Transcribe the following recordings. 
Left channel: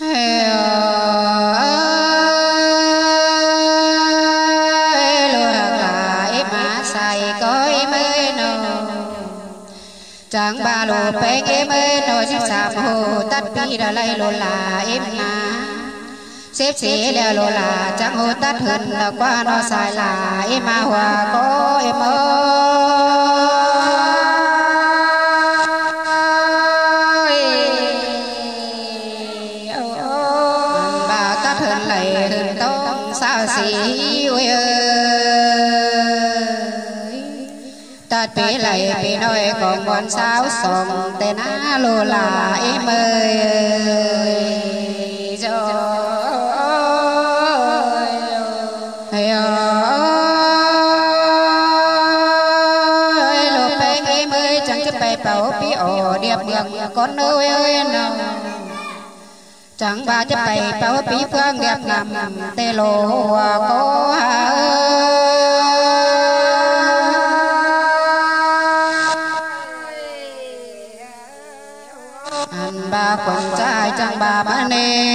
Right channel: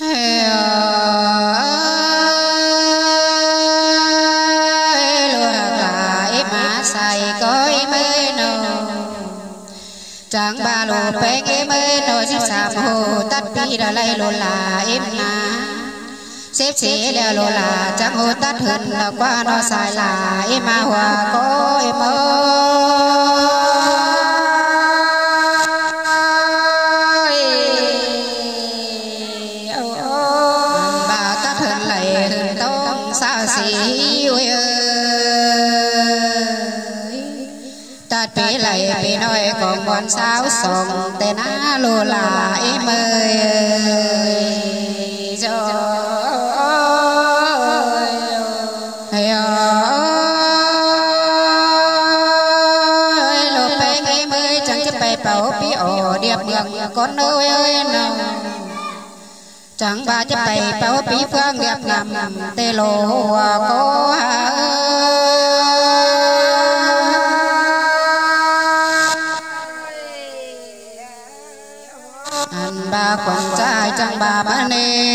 chẳng ba lô bê em ơi nồi xếp sạp hồ tắt đi đã lấy lô là em na xếp xế đeo lô là chẳng hồ tắt hơn là qua nó xài là em mà hòa có em ơi bà tắt hơn lại hơn tông xa xí ơi tắt bế lại bế nói còn còn sao sống tên á lô là em ơi con ơi nào chẳng ba chấp bày bao bí phương đẹp ngầm tê lộ có anh ba con trai chẳng ba ba nê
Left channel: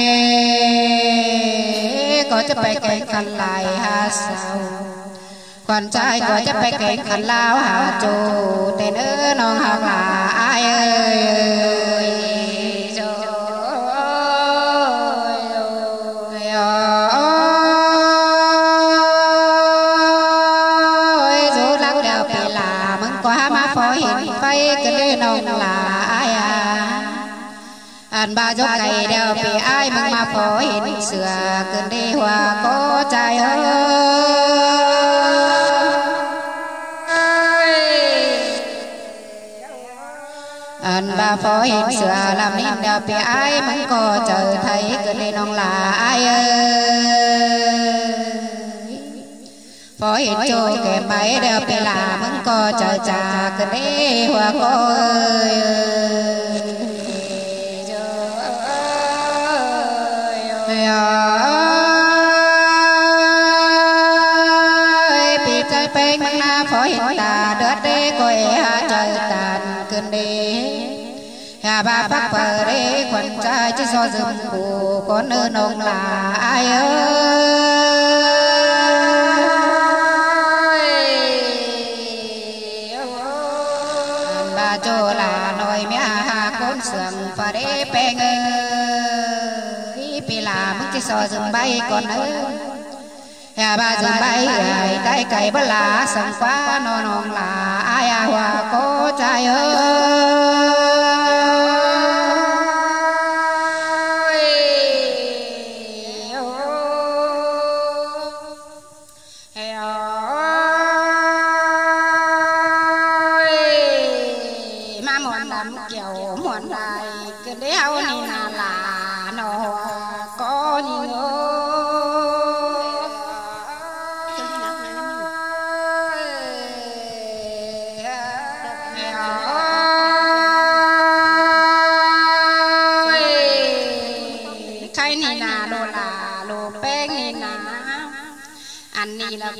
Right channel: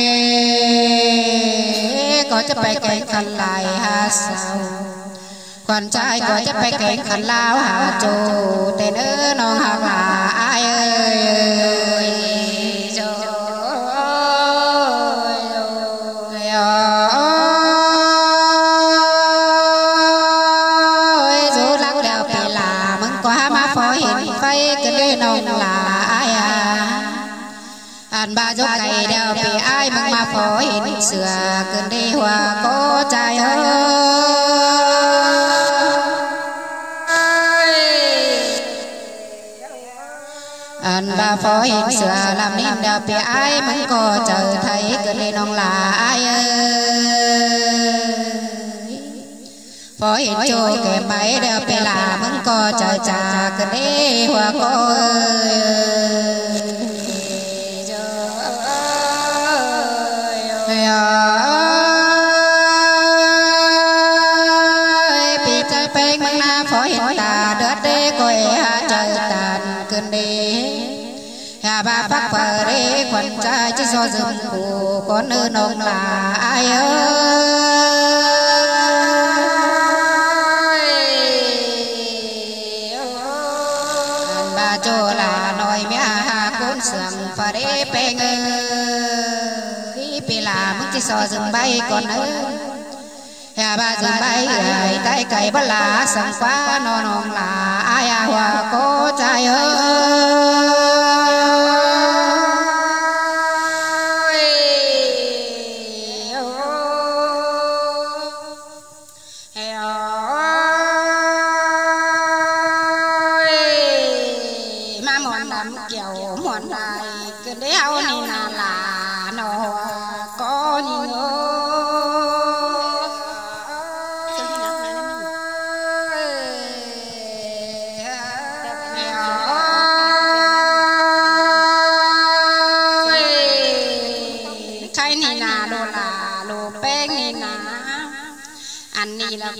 có chấp bày cảnh khăn lại hà sao con trai có chấp bày cảnh khăn lao hà trù tên ơ non hàng là ai ơi dù lắng đeo bị là mừng quá má phó hiện phay cái lê non là ai à anh ba dốc cày đeo bị ai mừng má phó hiện sửa cơn đi hòa có trai ơi anh ba phó hiện sửa làm nên đeo bị ai mừng có chờ thấy cơn đi non là ai ơi phó hiện cho kèm máy đeo bị là mừng có chờ trà cơn đi hòa có ba phát phở rê quần trai chứ do dùm của con ơ nông là ai ơi ba cho là nói mẹ hà côn sườn phở rê bè ngơ bị là mức chứ do dùm bay con ơ ba dùm bay tay cày bất là sẵn quá nó nông là ai à hòa có trai ơi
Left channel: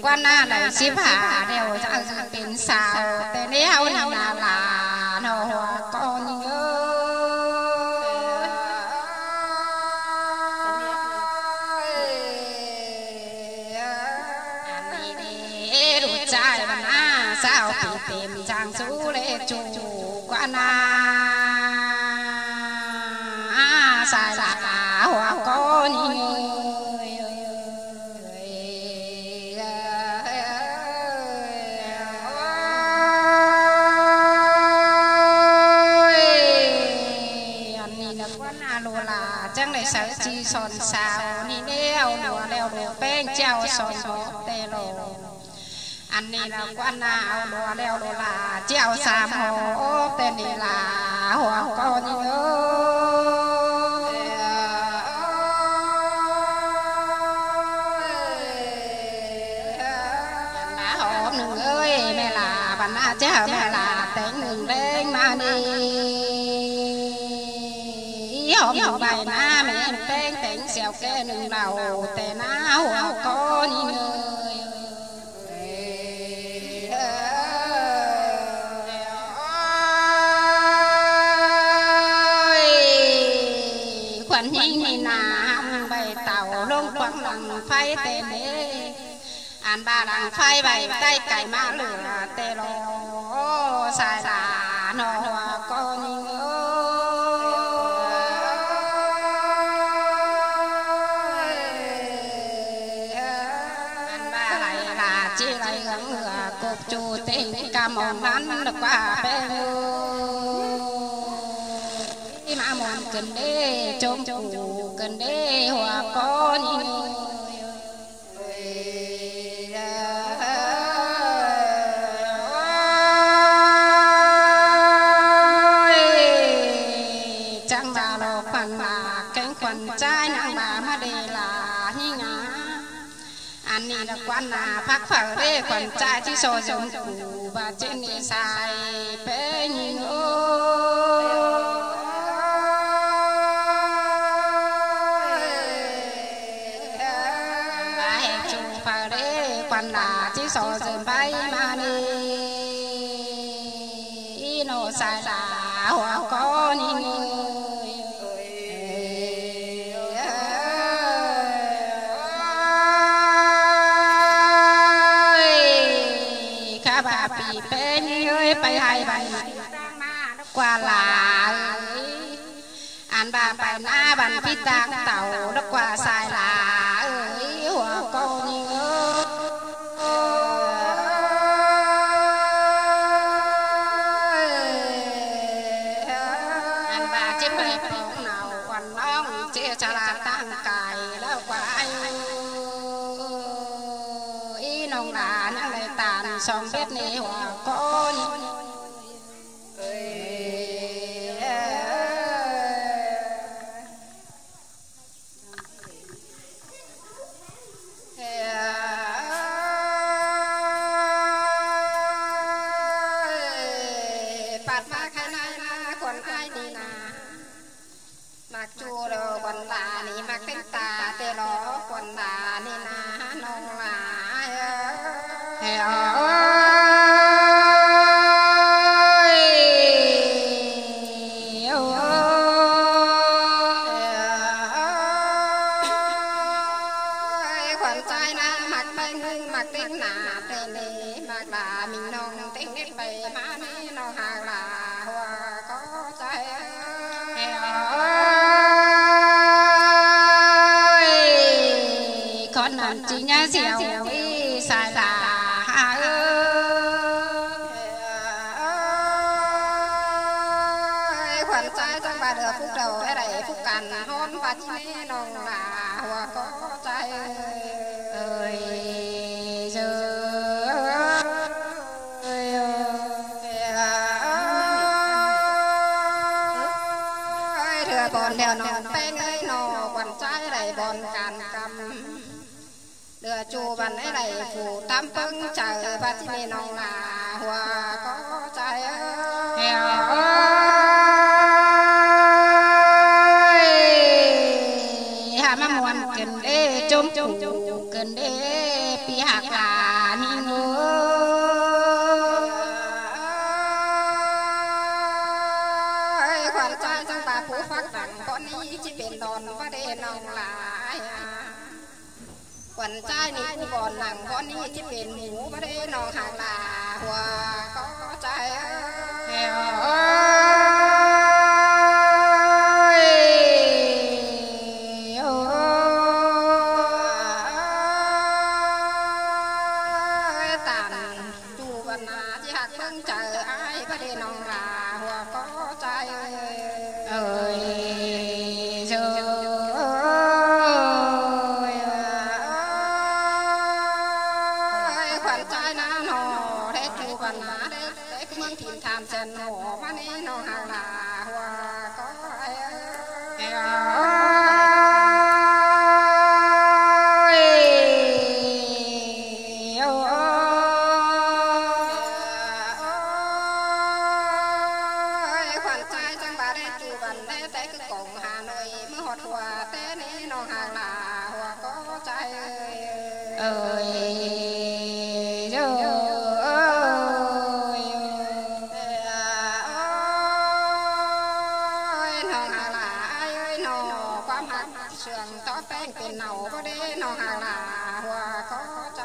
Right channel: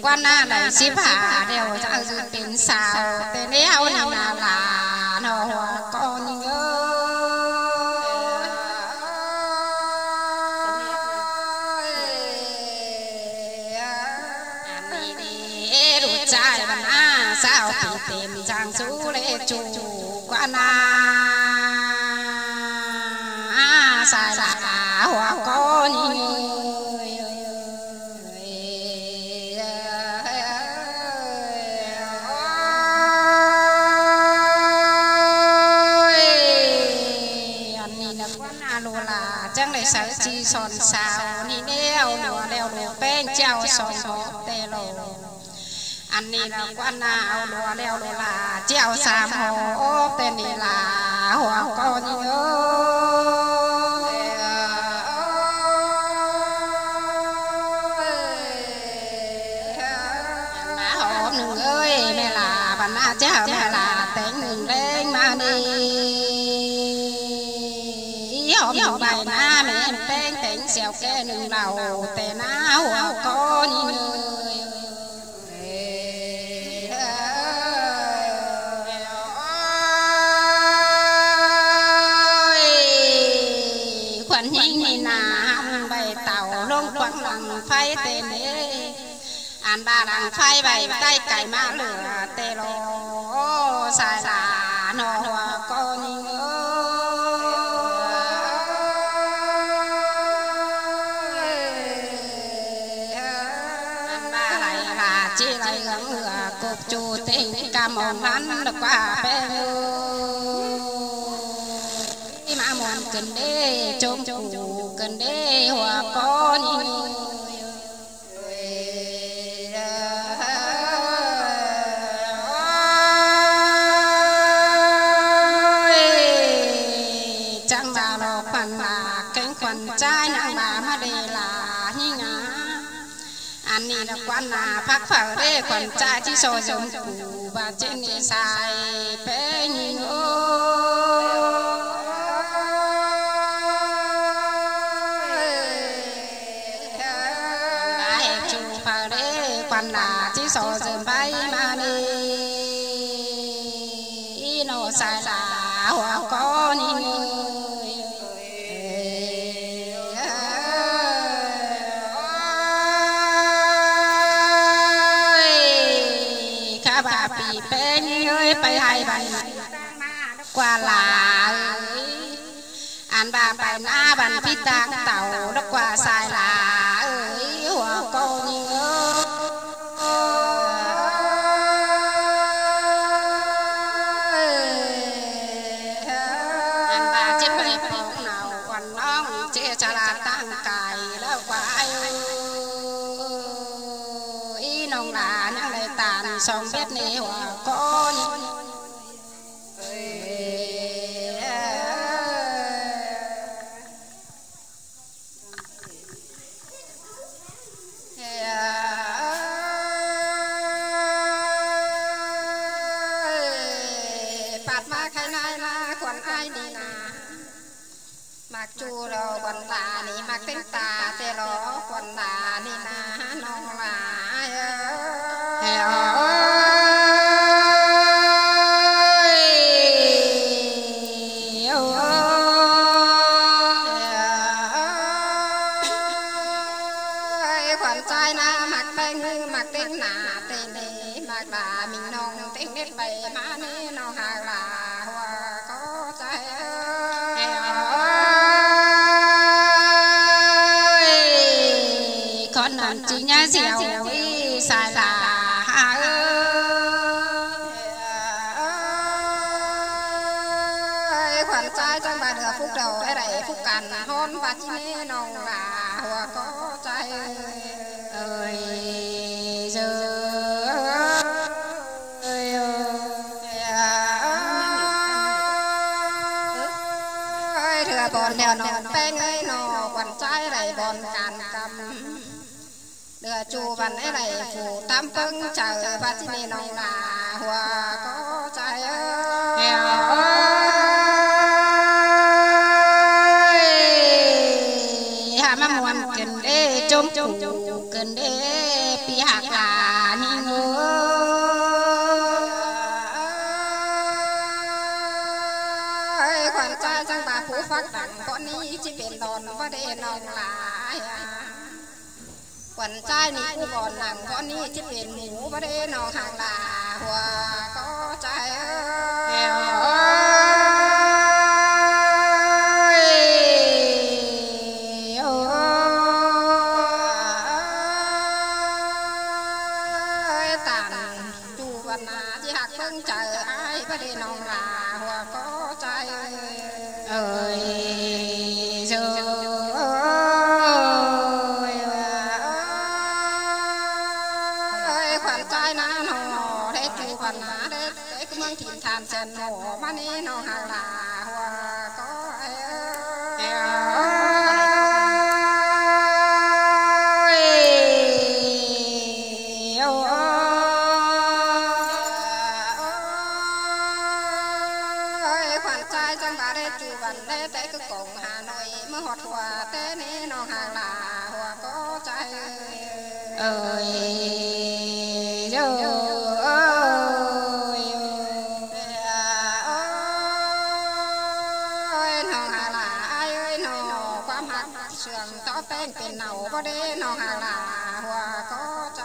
quan na lại xếp hạ đều ra dự tính sao tên đeo nào là nó con như anh đi đủ trai mà na sao tìm giang số lệ chủ quan na sai là hoa con như sợ chi son sao ni đeo lùa đeo lùa beng treo son hộp tê lồ anh ni là quan nào lùa đeo lùa là treo sam hộp tên ni là hoa con nhớ đã hộp nương ơi mẹ là bạn na chứ mẹ là tên nương đen mà đi hộp bài na mẹ em tên tên xèo kê nương đầu tên na hoa con như quần nhi nà ăn bày tàu lông quăng lằng phai tên đế ăn ba lằng phai bày tay cày má lửa tê lô xài là nọ hòa cô nhi ăn ba lại là chi lại gắng lửa cục chu tình cam ổn nắn được qua bê mà muốn cần đế trông chủ cần đế hòa có nhi chẳng bà lô phần là cánh quần trai nặng bà mà đề là như ngã anh đi là quan là phát phở đế quần trai chỉ so giống cụ và trên nghề xài phê nhìn chỉ so dần bay mà đi nó sai là hoa có ni khá bà bị bé ơi bay hai bài qua là ăn bà bài na bàn phi tang tàu đó qua sai là ơi hoa có ni chả là tăng cài đó quái ý nông là những lời tàn xong biết nè hòa con bạt ma khai nai la còn ai đi nà mặc chu đồ quần là ni mặc tính tà tê lo quần là ni na nong là quần trai na mặc bánh mặc tính nà tê nê mặc là mình nong tính nét bày má nê nong hà là hoa có trai con làm chỉ nhai dẻo ý xài là hà ơi khoản trai trong bà được phúc đầu ấy đầy phúc cằn hôn và chi nê nồng là hòa có trai ơi giờ thừa còn đèo nồng beng ấy nọ quần trai đầy đồn càn cầm đưa chu bàn ấy này phủ tam tông chờ và chi nê nồng là hòa có trai ơi hà mà muốn cần đê trông chủ cần đê pi hạc là ni ngứa khoản trai trong ta phú phát đẳng con ní chỉ biển đồn có đê nồng là quần trai ní cũng còn nặng con ní chỉ biển ngủ có đê nồng hàng là hòa có trai tàn chu văn à chỉ hạt vâng chờ ai có đê nồng là hòa có trai ơi giờ khoản trai na nọ để chu văn à để cái mong thìn tham sen nọ mà nê nọ hàng là hòa có khoản trai trong bà để chu văn để tới cái cổng Hà Nội mới hoạt hòa thế nê nọ hàng là hòa có trai ơi เสื่องต่อแป้งเป็นเหนาบ่ได้นองหางลาหัวก็ใจ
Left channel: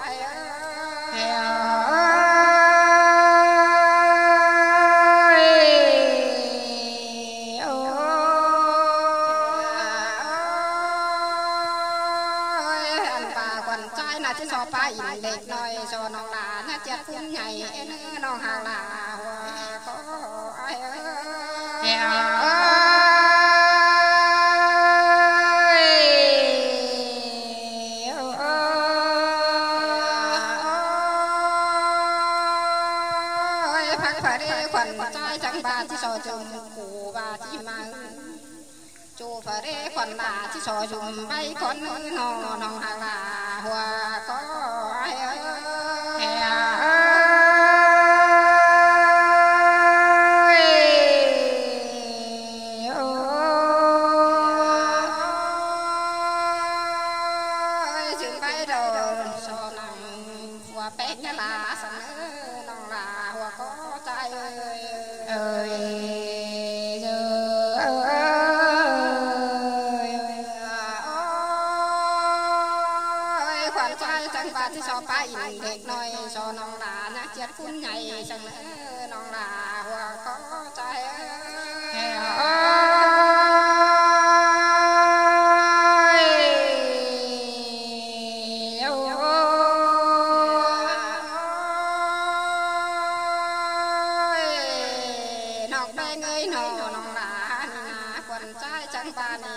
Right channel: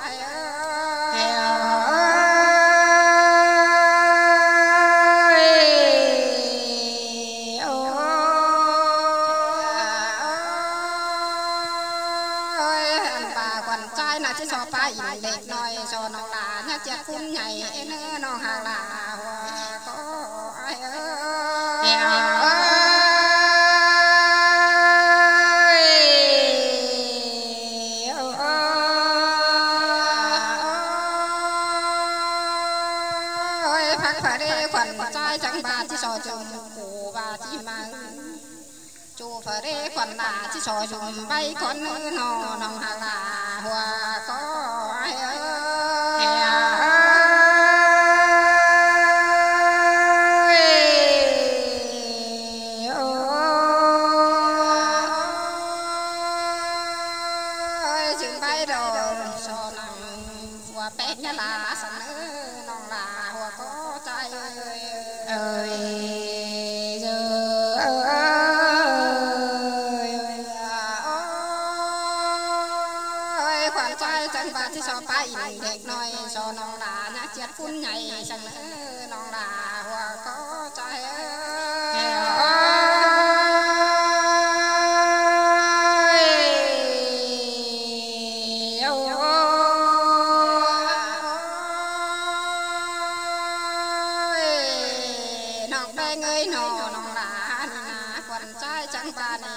จะชอบไปเด็กน้อยโซนองลาเนี่ยจะคุ้นใหญ่เนื้อนองหางลาหัวก็ไอ้พักผ่อนขวัญใจจังบาที่โซจุ่มปูบาที่มังจูเฟรขวัญลาที่โซจุ่มใบคนเนื้อนองหางลาหัวก็ไอ้จึงไปโดนโซนองหัวแป้งลาสันเนื้อนองลาหัวก็ใจจังบาที่ชอบไปเด็กน้อยโซนองลานักเจ็ดคุ้นใหญ่สันนองลาหัวก็ใจนอกแดงเอ้ยนองลานาควันใจจังบานี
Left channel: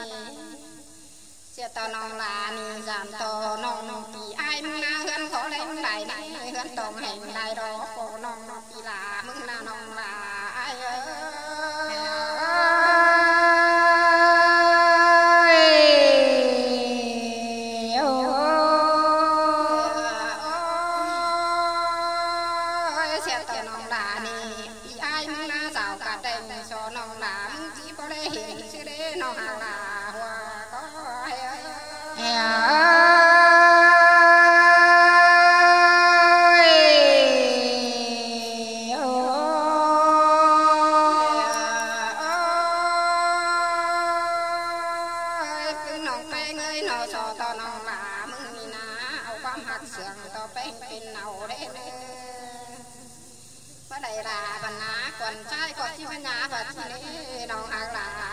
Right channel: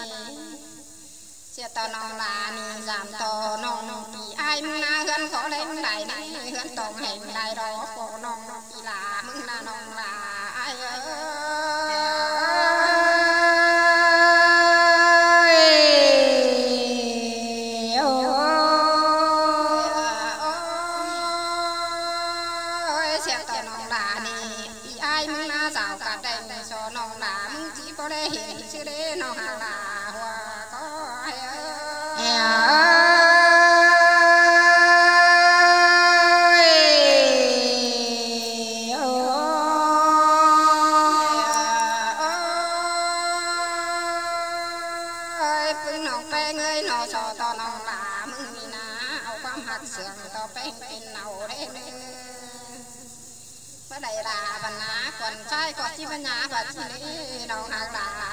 เสียตอนองลานี่จามโตน้องปีไอ้มึงนาเฮือนขอเล่นได้ไหนเฮือนตองให้ได้รอโกน้องปีลามึงนาน้องลาไอ้เสียตอนองลานี่ปีไอ้มึงนาสาวกะเด้งโซน้องลามึงจีบ่ได้เห็นชื่อเด้น้องลาหัวก็แป้งเอ้ยนอโซตอนองลามึงนี่นะเอาความหักเสื่องต่อแป้งเป็นเนาได้เนื้อมาได้ลาบรรณาคนใจก็ที่ปัญญาบัดที่นี้น้องหางลา